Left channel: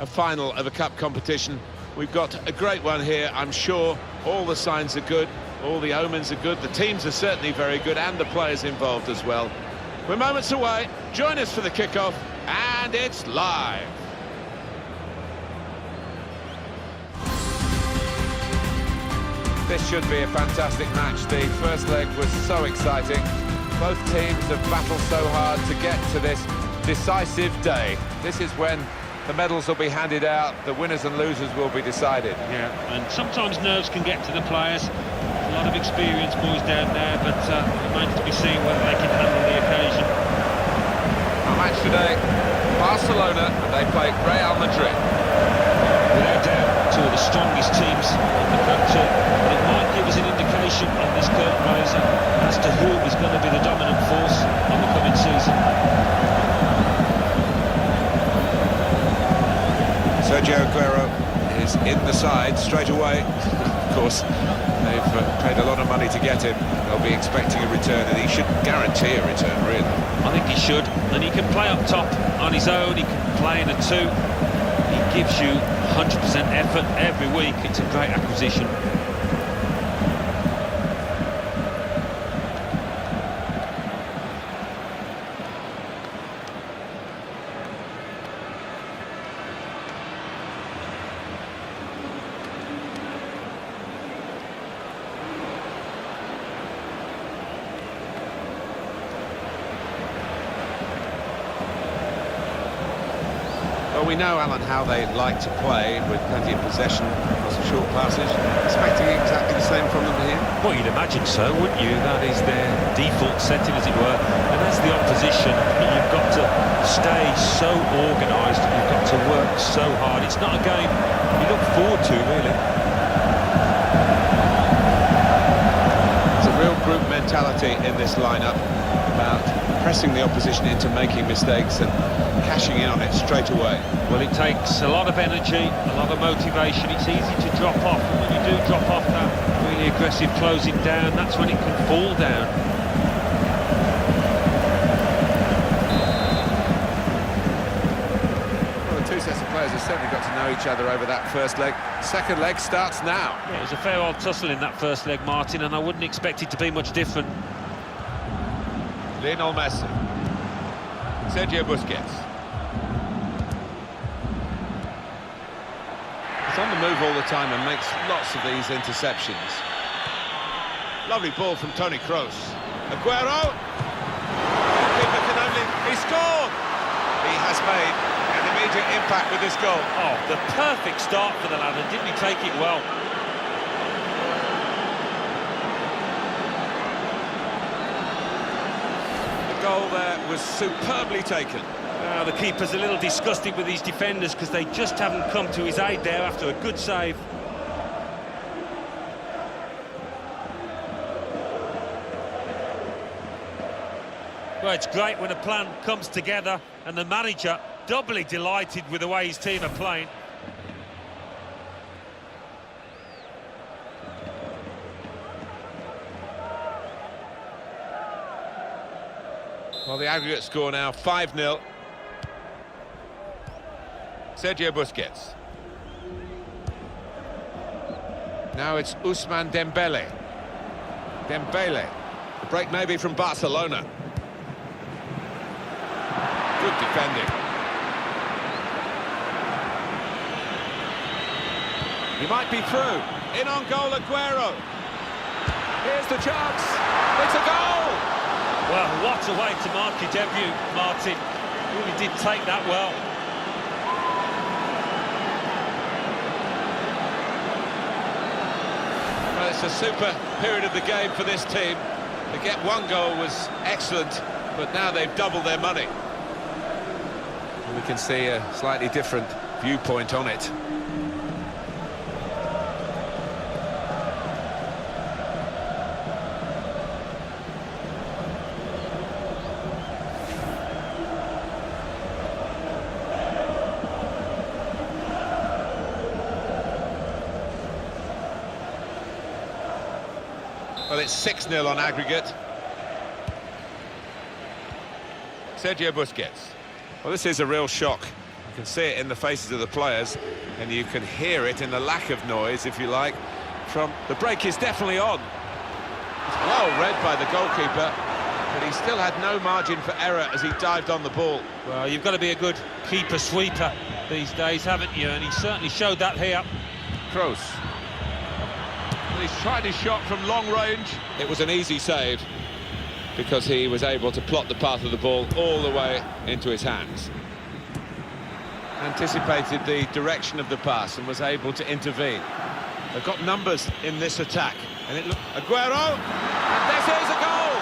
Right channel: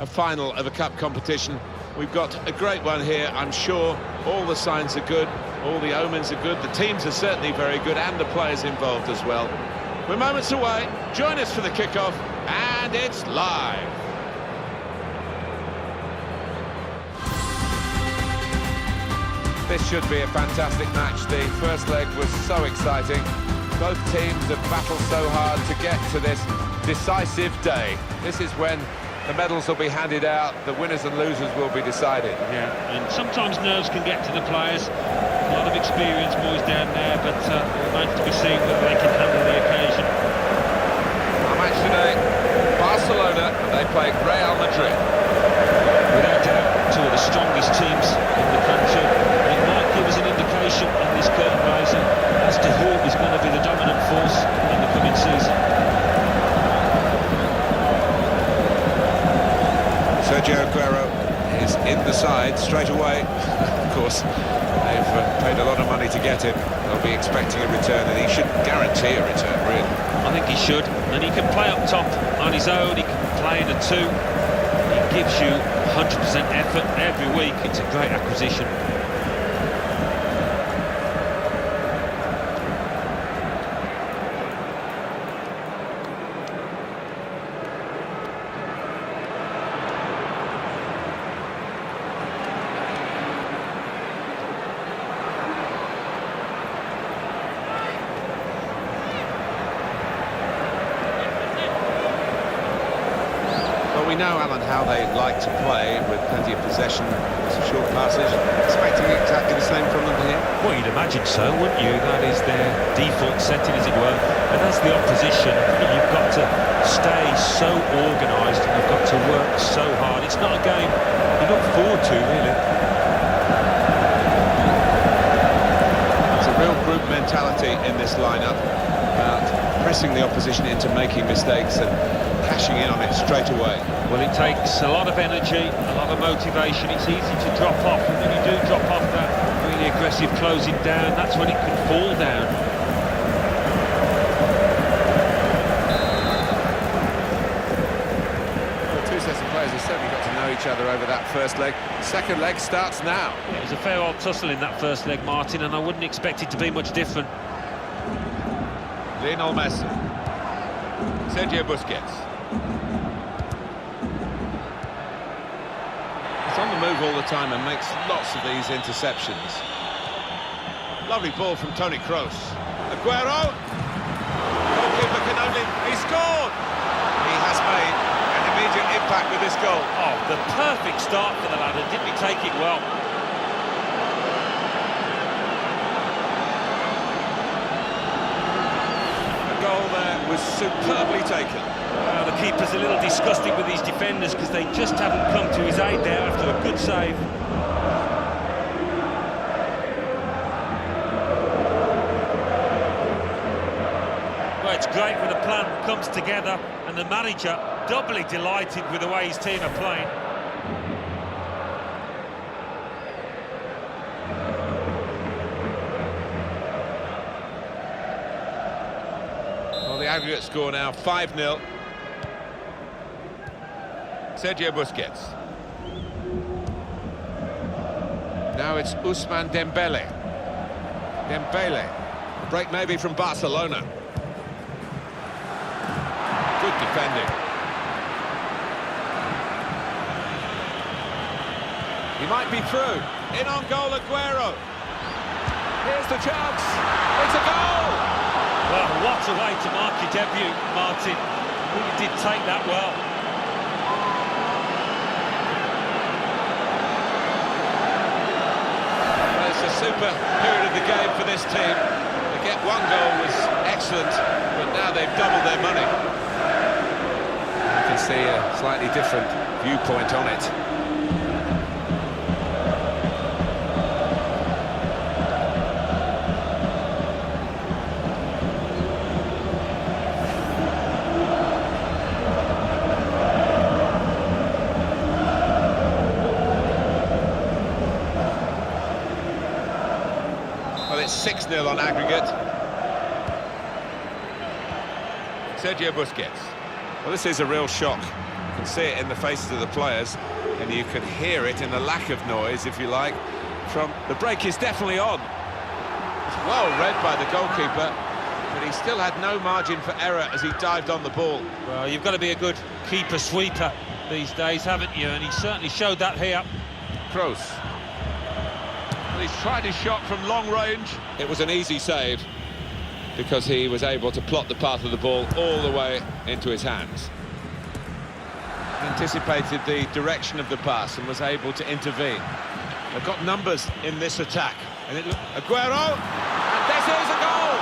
A final of a cup competition. We've got a great one here, I'm sure. All the signs are good, all the omens are good, the teams are certainly very good, and the players involved as well. We're moments away. Join us for the kickoff, and it's live. This should be a fantastic match. The first leg was so exciting. Both teams have battled so hard to get to this decisive day. This is when the medals will be handed out, the winners and losers will be decided. Yeah, and sometimes nerves can get to the players. A lot of experienced boys down there, but it remains to be seen whether they can handle the occasion. Our match today, Barcelona, and they play Real Madrid. Without doubt, two of the strongest teams in the country, and it might give us an indication in this curtain raiser as to who is going to be the dominant force in the coming season. Sergio Aguero is in the side straight away. Of course, they've paid a lot of money to get him. They'll be expecting a return, and he should guarantee a return, really. I think he should, and he can play up top on his own, he can play in a two. He gives you 100% effort every week. It's a great acquisition. Well, we know, Alan, how they like to play, with plenty of possession, lots of short passes. Expecting exactly the same from them here? Well, you'd imagine so, wouldn't you? That is their default setting, as it were. And as the opposition, you've got to stay so organised, you've got to work so hard. It's not a game you look forward to, really. There's a real group mentality in this lineup about pressing the opposition into making mistakes and cashing in on it straight away. Well, it takes a lot of energy, a lot of motivation. It's easy to drop off, and when you do drop off that really aggressive closing down, that's when it can fall down. Well, the two sets of players have certainly got to know each other over that first leg. Second leg starts now. Yeah, it was a fair old tussle in that first leg, Martin, and I wouldn't expect it to be much different. Lionel Messi. Sergio Busquets. He's on the move all the time and makes lots of these interceptions. Lovely ball from Toni Kroos. Aguero. Goalkeeper can only... He scored! He has made an immediate impact with this goal. Oh, the perfect start for the lad, and didn't he take it well? The goal there was superbly taken. Well, the keeper's a little disgusted with these defenders because they just haven't come to his aid there after a good save. Well, it's great when a plan comes together, and the manager doubly delighted with the way his team are playing. Well, the aggregate score now, 5-0. Sergio Busquets. Now it's Ousmane Dembele. Dembele. The break maybe from Barcelona. Good defending. He might be through. In on goal, Aguero. Here's the chance. It's a goal! Well, what a way to mark your debut, Martin. Really did take that well. Well, it's a super period of the game for this team. To get one goal was excellent, but now they've doubled their money. You can see a slightly different viewpoint on it. Well, it's 6-0 on aggregate. Sergio Busquets. Well, this is a real shock You can see it in the faces of the players, and you can hear it in the lack of noise, if you like, from... The break is definitely on. It's well read by the goalkeeper, but he still had no margin for error as he dived on the ball. Well, you've got to be a good keeper-sweeper these days, haven't you? And he certainly showed that here. Kroos. Well, he's tried his shot from long range. It was an easy save, because he was able to plot the path of the ball all the way into his hands. Anticipated the direction of the pass and was able to intervene. They've got numbers in this attack, and it looked... Aguero, and this is a goal!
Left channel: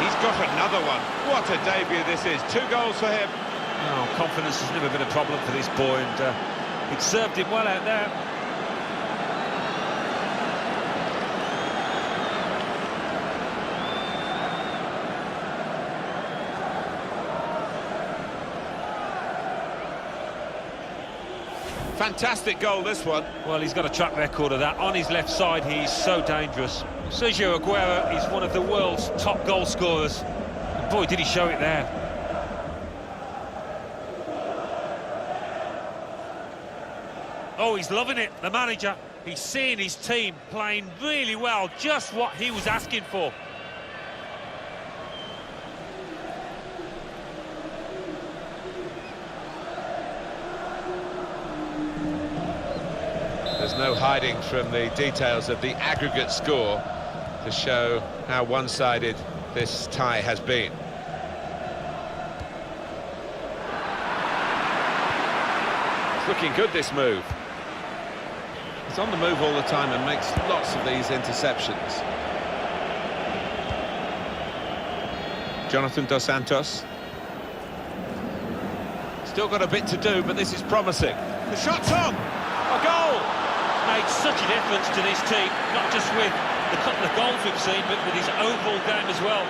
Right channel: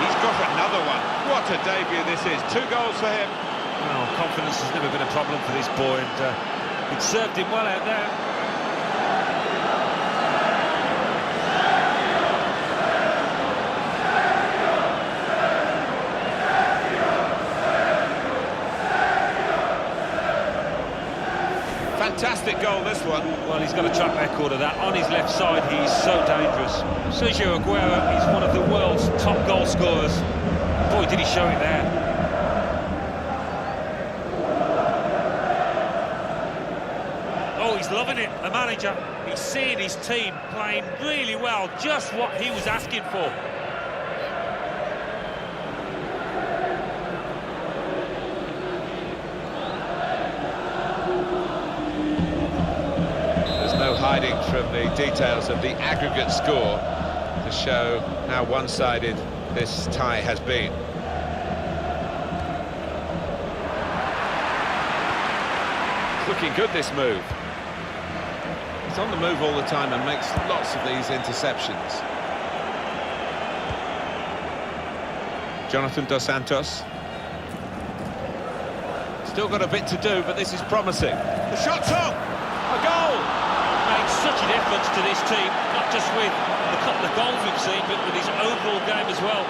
He's got another one. What a debut this is. 2 goals for him. Oh, confidence has never been a problem for this boy, and it served him well out there. Fantastic goal, this one. Well, he's got a track record of that. On his left side, he's so dangerous. Sergio Aguero is one of the world's top goal scorers. And boy, did he show it there. Oh, he's loving it, the manager. He's seeing his team playing really well, just what he was asking for. There's no hiding from the details of the aggregate score to show how one-sided this tie has been. It's looking good, this move. He's on the move all the time and makes lots of these interceptions. Jonathan Dos Santos. Still got a bit to do, but this is promising. The shot's on! A goal! Made such a difference to this team, not just with the couple of goals we've seen, but with his overall game as well.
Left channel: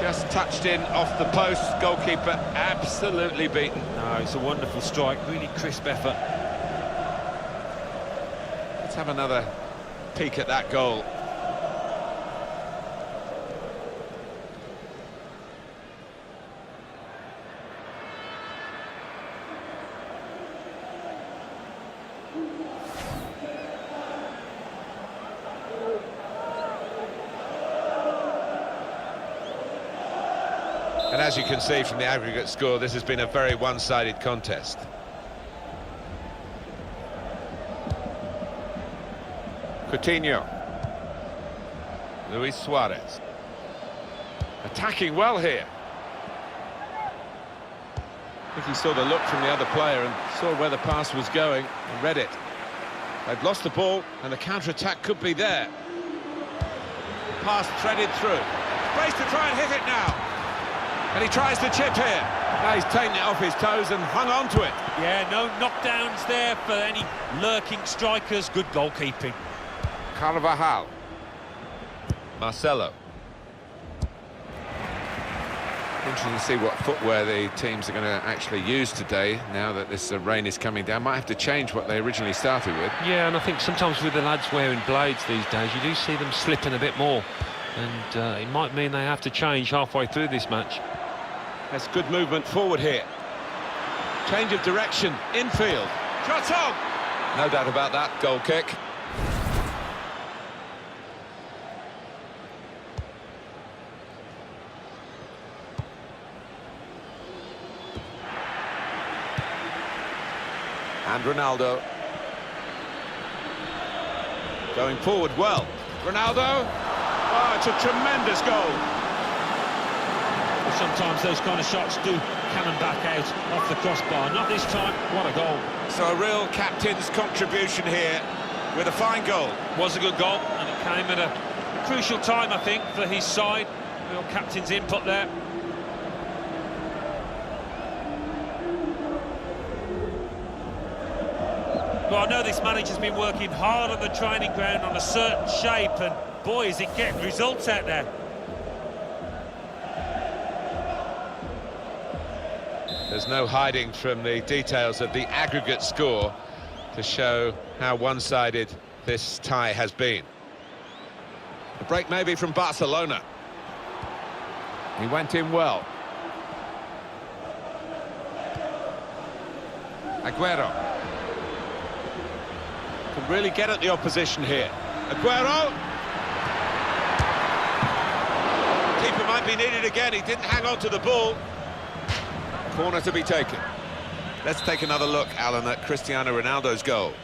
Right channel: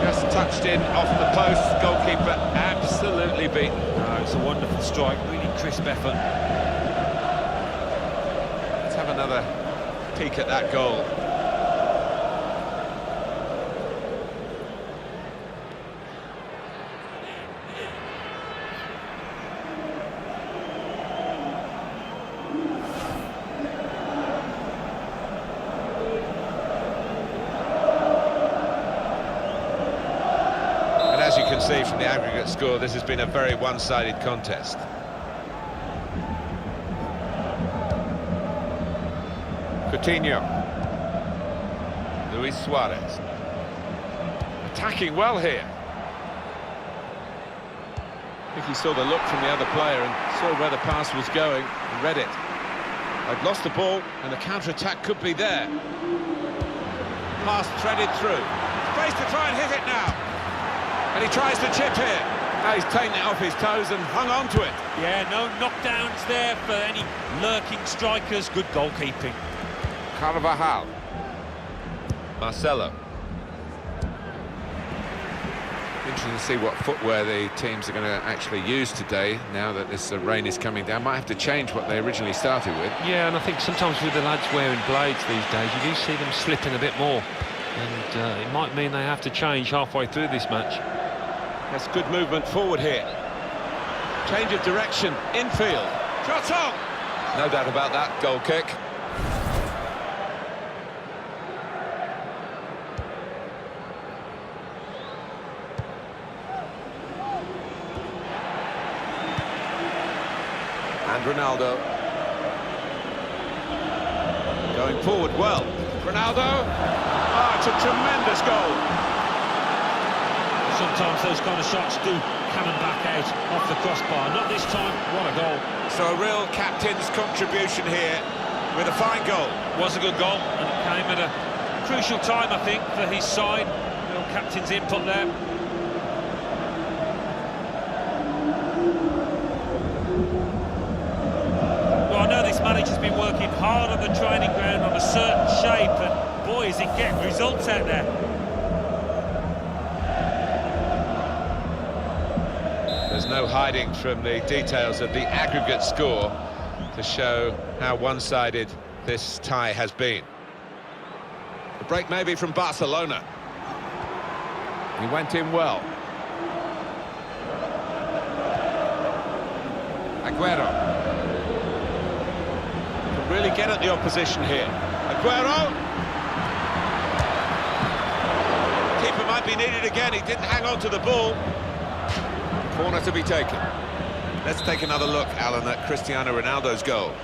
Just touched in off the post, goalkeeper absolutely beaten. No, it's a wonderful strike, really crisp effort. Let's have another peek at that goal. And as you can see from the aggregate score, this has been a very one-sided contest. Coutinho. Luis Suarez. Attacking well here. I think he saw the look from the other player and saw where the pass was going and read it. They've lost the ball and the counter-attack could be there. Pass threaded through. Space to try and hit it now. And he tries to chip here. Now he's taken it off his toes and hung on to it. Yeah, no knockdowns there for any lurking strikers. Good goalkeeping. Carvajal. Marcelo. Interesting to see what footwear the teams are going to actually use today, now that this rain is coming down. Might have to change what they originally started with. Yeah, and I think sometimes with the lads wearing blades these days, you do see them slipping a bit more. And it might mean they have to change halfway through this match. That's good movement forward here. Change of direction, infield. Shot on! No doubt about that, goal kick. And Ronaldo. Going forward well. Ronaldo. Oh, it's a tremendous goal. Sometimes those kind of shots do cannon back out off the crossbar. Not this time. What a goal. So a real captain's contribution here with a fine goal. Was a good goal, and it came at a crucial time, I think, for his side. Real captain's input there. Well, I know this manager's been working hard on the training ground on a certain shape, and boy, is it getting results out there. There's no hiding from the details of the aggregate score to show how one-sided this tie has been. The break maybe from Barcelona. He went in well. Aguero. Can really get at the opposition here. Aguero! Keeper might be needed again, he didn't hang on to the ball. Corner to be taken. Let's take another look, Alan, at Cristiano Ronaldo's goal.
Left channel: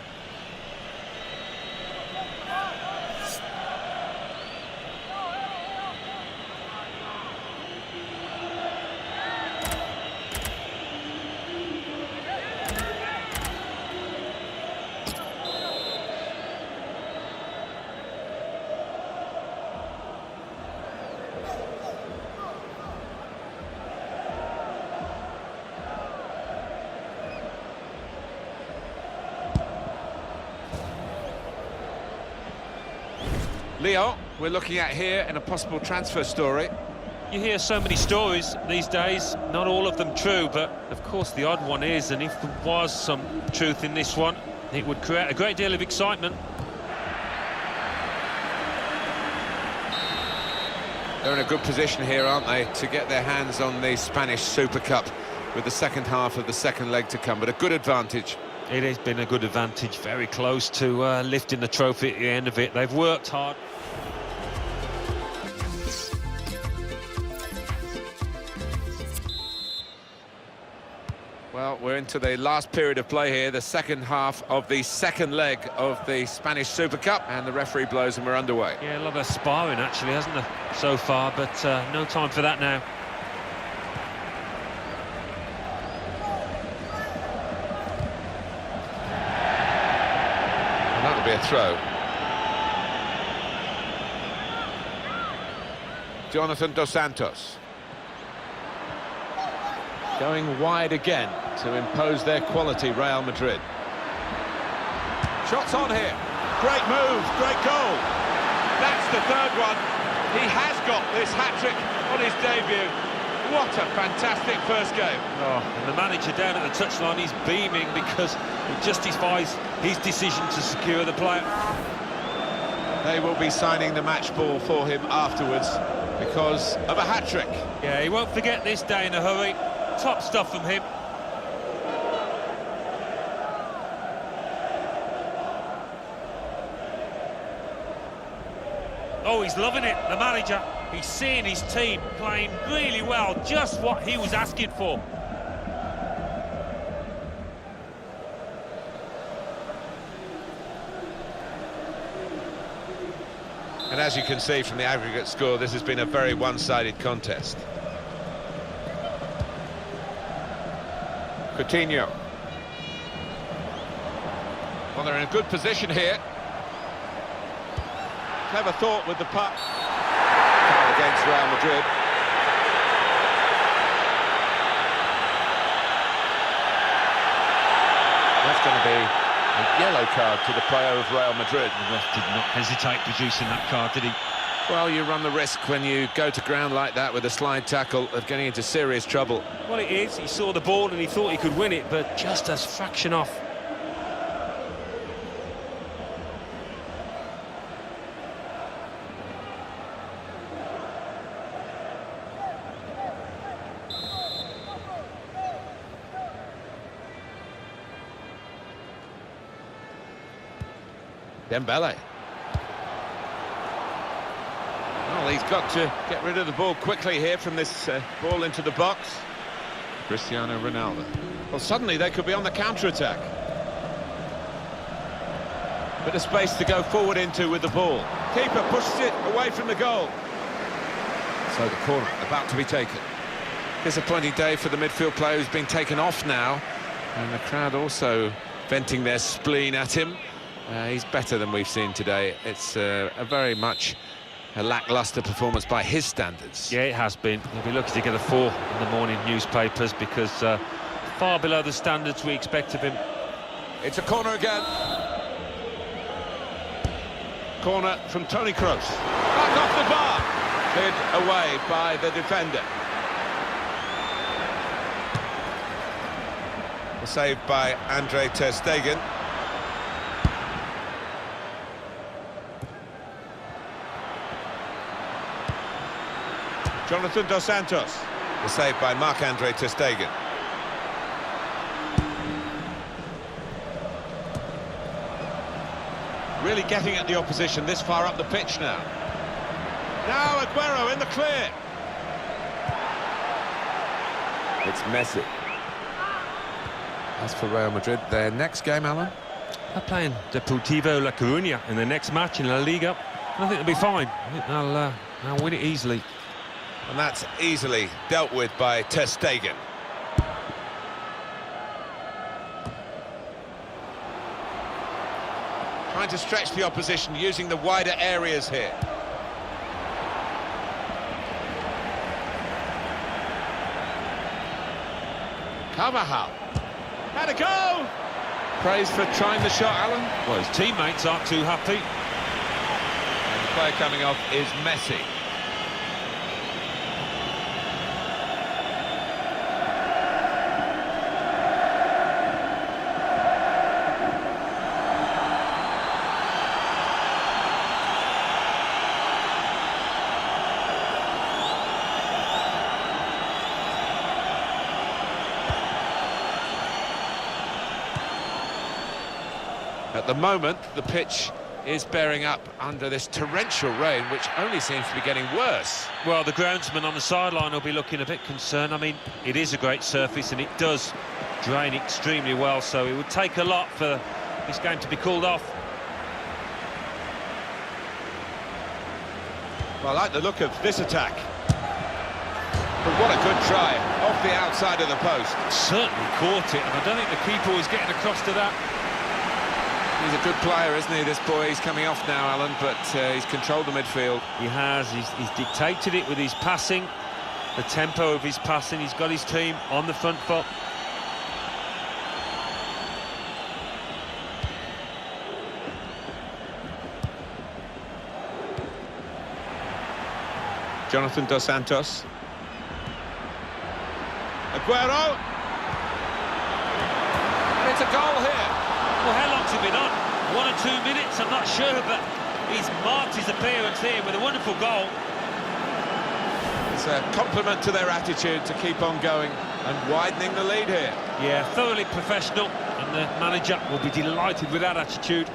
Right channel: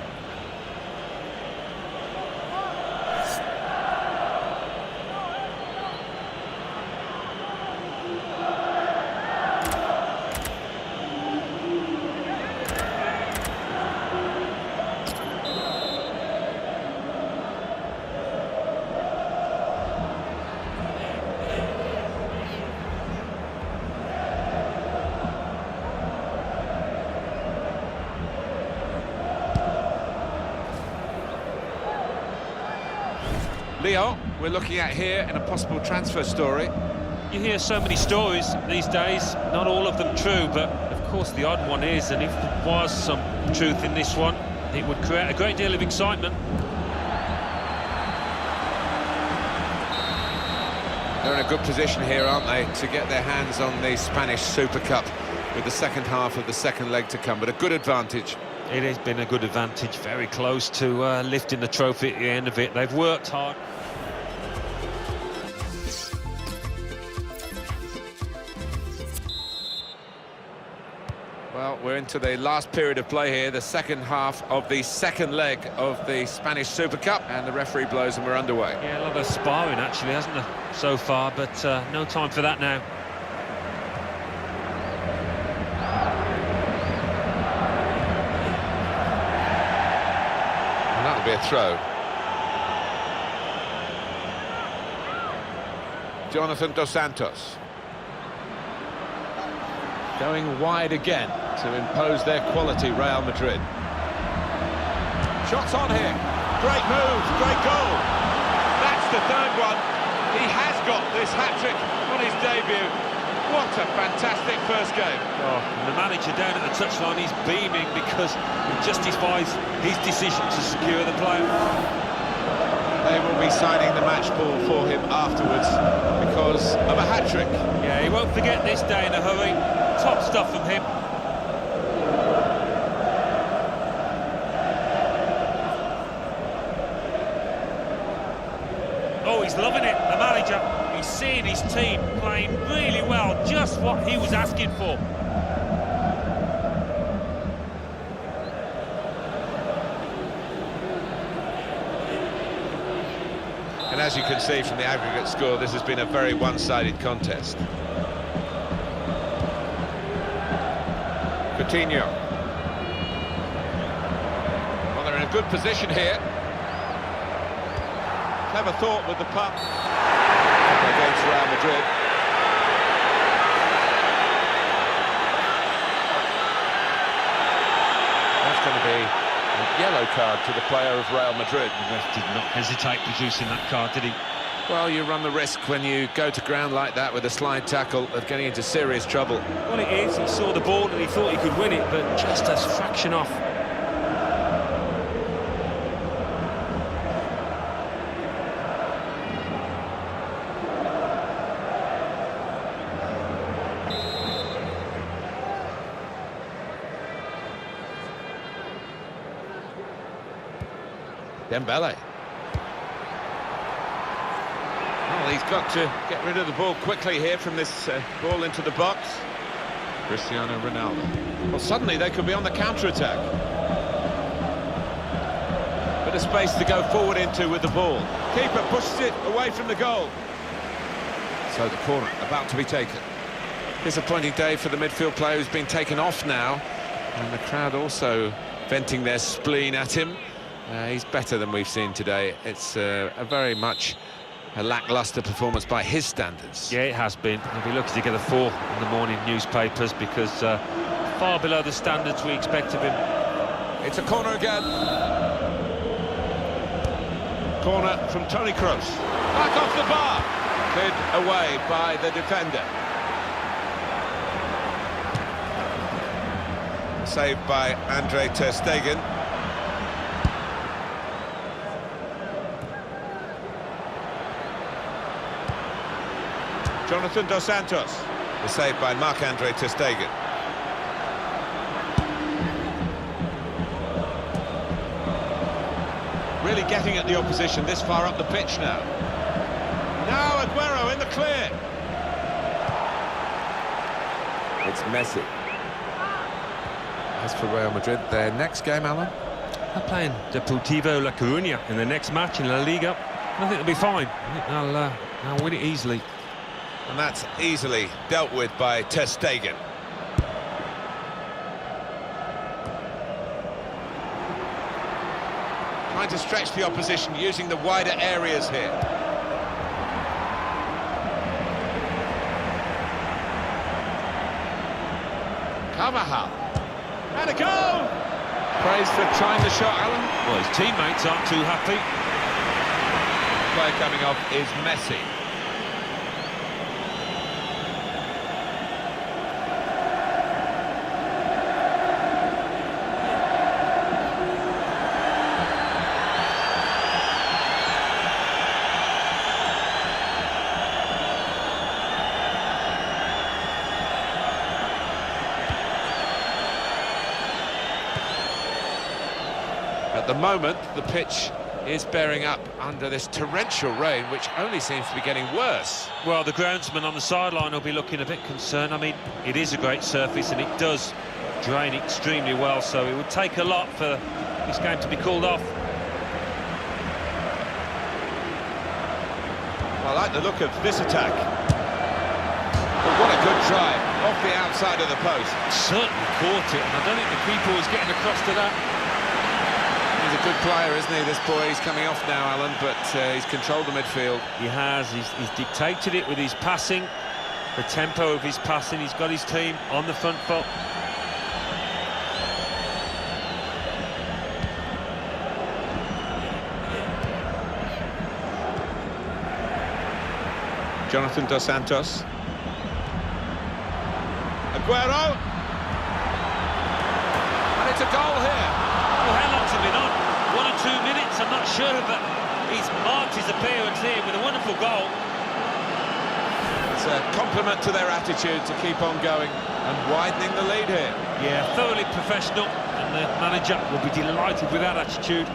Leo, we're looking at here in a possible transfer story. You hear so many stories these days, not all of them true, but of course the odd one is, and if there was some truth in this one, it would create a great deal of excitement. They're in a good position here, aren't they, to get their hands on the Spanish Super Cup with the second half of the second leg to come, but a good advantage. It has been a good advantage, very close to lifting the trophy at the end of it. They've worked hard. Well, we're into the last period of play here, the second half of the second leg of the Spanish Super Cup, and the referee blows and we're underway. Yeah, a lot of sparring actually, hasn't there, so far, but no time for that now. And that'll be a throw. Jonathan Dos Santos. Going wide again to impose their quality, Real Madrid. Shots on here. Great move, great goal. That's the third one. He has got this hat-trick on his debut. What a fantastic first game. Oh, and the manager down at the touchline, he's beaming because it justifies his decision to secure the player. They will be signing the match ball for him afterwards because of a hat-trick. Yeah, he won't forget this day in a hurry. Top stuff from him. Oh, he's loving it, the manager. He's seeing his team playing really well, just what he was asking for. And as you can see from the aggregate score, this has been a very one-sided contest. Coutinho. Well, they're in a good position here. Clever thought with the puck. Foul against Real Madrid. That's going to be a yellow card to the player of Real Madrid. The ref did not hesitate producing that card, did he? Well, you run the risk when you go to ground like that with a slide tackle of getting into serious trouble. Well, it is. He saw the ball and he thought he could win it, but just a fraction off. Dembele. Well, he's got to get rid of the ball quickly here from this ball into the box. Cristiano Ronaldo. Well, suddenly they could be on the counter-attack. Bit of space to go forward into with the ball. Keeper pushes it away from the goal. So the corner about to be taken. Disappointing day for the midfield player who's been taken off now. And the crowd also venting their spleen at him. He's better than we've seen today. It's a very much a lacklustre performance by his standards. Yeah, it has been. He'll be lucky to get a 4 in the morning newspapers because far below the standards we expect of him. It's a corner again. Corner from Toni Kroos. Back off the bar. Cleared away by the defender. saved by Andre ter Stegen. Jonathan Dos Santos. The save by Marc-Andre ter Stegen. Really getting at the opposition this far up the pitch now. Now Aguero in the clear. It's Messi. As for Real Madrid, their next game, Alan? They're playing Deportivo La Coruña in the next match in La Liga. I think they'll be fine. I think they'll win it easily. And that's easily dealt with by ter Stegen. Trying to stretch the opposition using the wider areas here. Carvajal. And a goal! Praise for trying the shot, Alan. Well, his teammates aren't too happy. The player coming off is Messi. At the moment, the pitch is bearing up under this torrential rain, which only seems to be getting worse. Well, the groundsman on the sideline will be looking a bit concerned. I mean, it is a great surface and it does drain extremely well, so it would take a lot for this game to be called off. Well, I like the look of this attack. But what a good try, off the outside of the post. Certainly caught it, and I don't think the keeper was getting across to that. He's a good player, isn't he, this boy? He's coming off now, Alan, but he's controlled the midfield. He has. He's dictated it with his passing, the tempo of his passing. He's got his team on the front foot. Jonathan Dos Santos. Aguero! And it's a goal here. Well, how long's it been on? 1 or 2 minutes, I'm not sure, but he's marked his appearance here with a wonderful goal. It's a compliment to their attitude to keep on going and widening the lead here. Yeah, thoroughly professional, and the manager will be delighted with that attitude.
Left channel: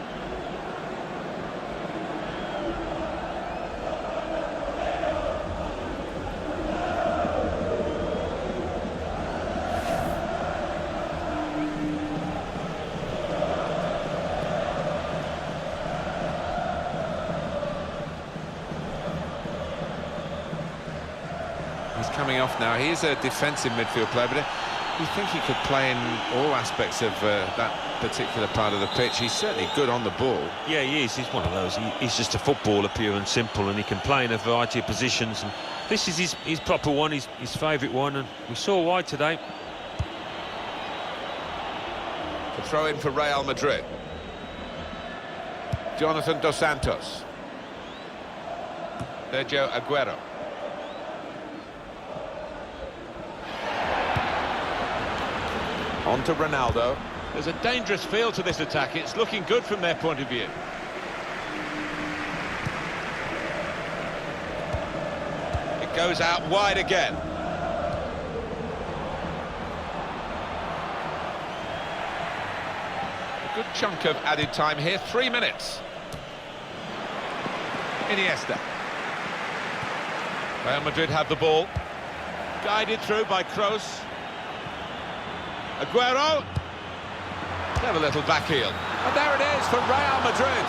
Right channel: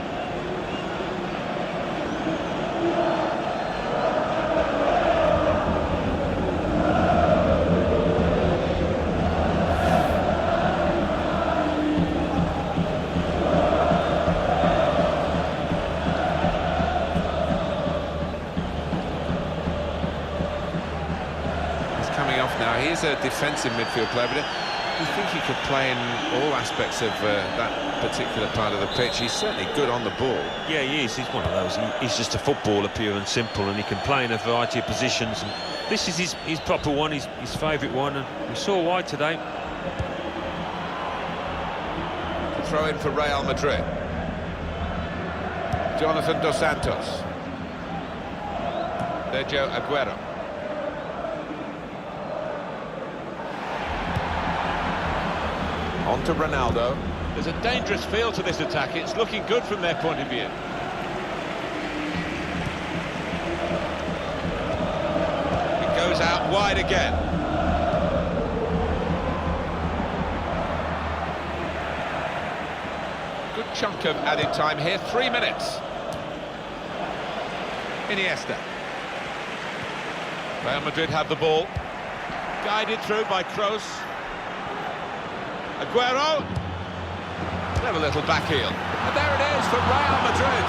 He's coming off now. He is a defensive midfield player, but you think he could play in all aspects of that particular part of the pitch. He's certainly good on the ball. Yeah, he is. He's one of those. He's just a footballer, pure and simple, and he can play in a variety of positions. And this is his proper one, his favourite one, and we saw why today. The throw in for Real Madrid. Jonathan Dos Santos. Sergio Aguero. On to Ronaldo. There's a dangerous feel to this attack. It's looking good from their point of view. It goes out wide again. A good chunk of added time here, 3 minutes. Iniesta. Real Madrid have the ball. Guided through by Kroos. Aguero. Clever little back heel. And there it is for Real Madrid.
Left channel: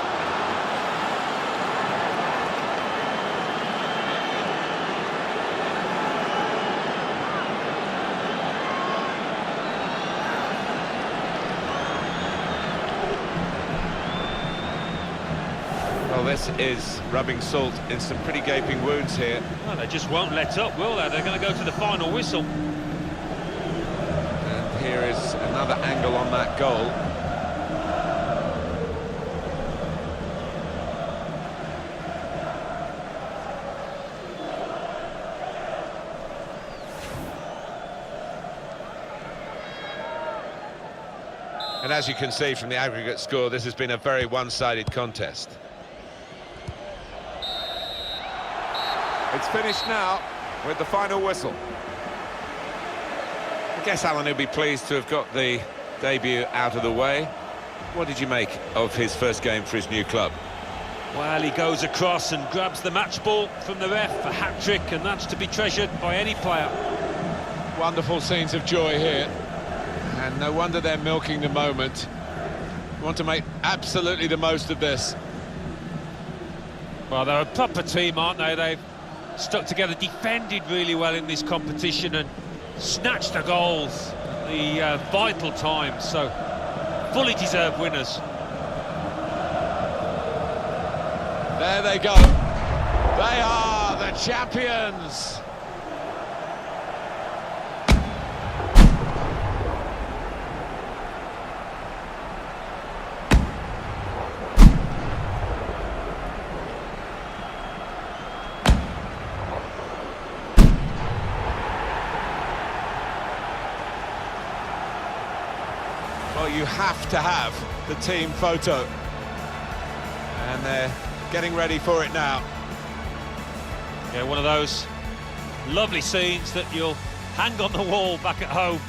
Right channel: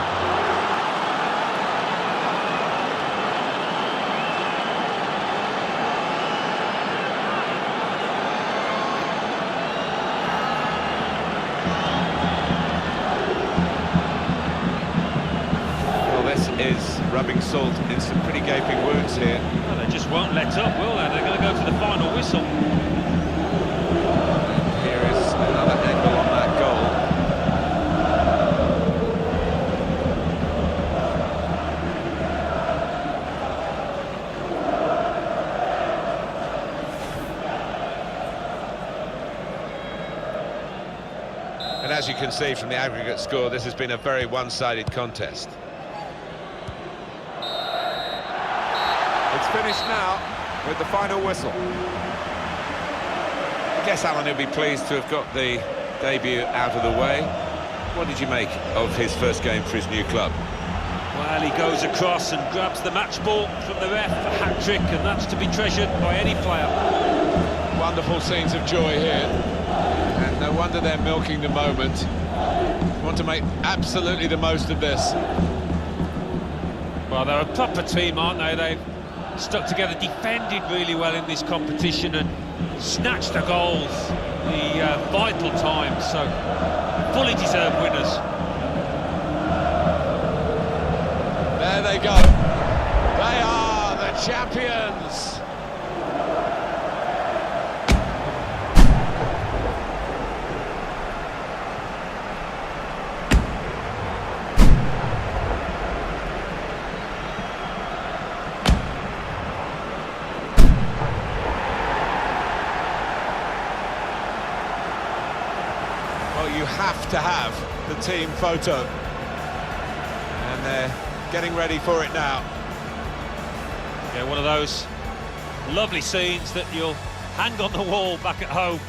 Well, this is rubbing salt in some pretty gaping wounds here. Well, they just won't let up, will they? They're going to go to the final whistle. Here is another angle on that goal. And as you can see from the aggregate score, this has been a very one-sided contest. It's finished now with the final whistle. I guess Alan will be pleased to have got the debut out of the way. What did you make of his first game for his new club? Well, he goes across and grabs the match ball from the ref, a hat-trick, and that's to be treasured by any player. Wonderful scenes of joy here, and no wonder they're milking the moment. Want to make absolutely the most of this. Well, they're a proper team, aren't they? They've stuck together, defended really well in this competition and snatched the goals at the vital time, so fully deserved winners. There they go. They are the champions. Well, you have to have the team photo. And they're getting ready for it now. Yeah, one of those lovely scenes that you'll hang on the wall back at home.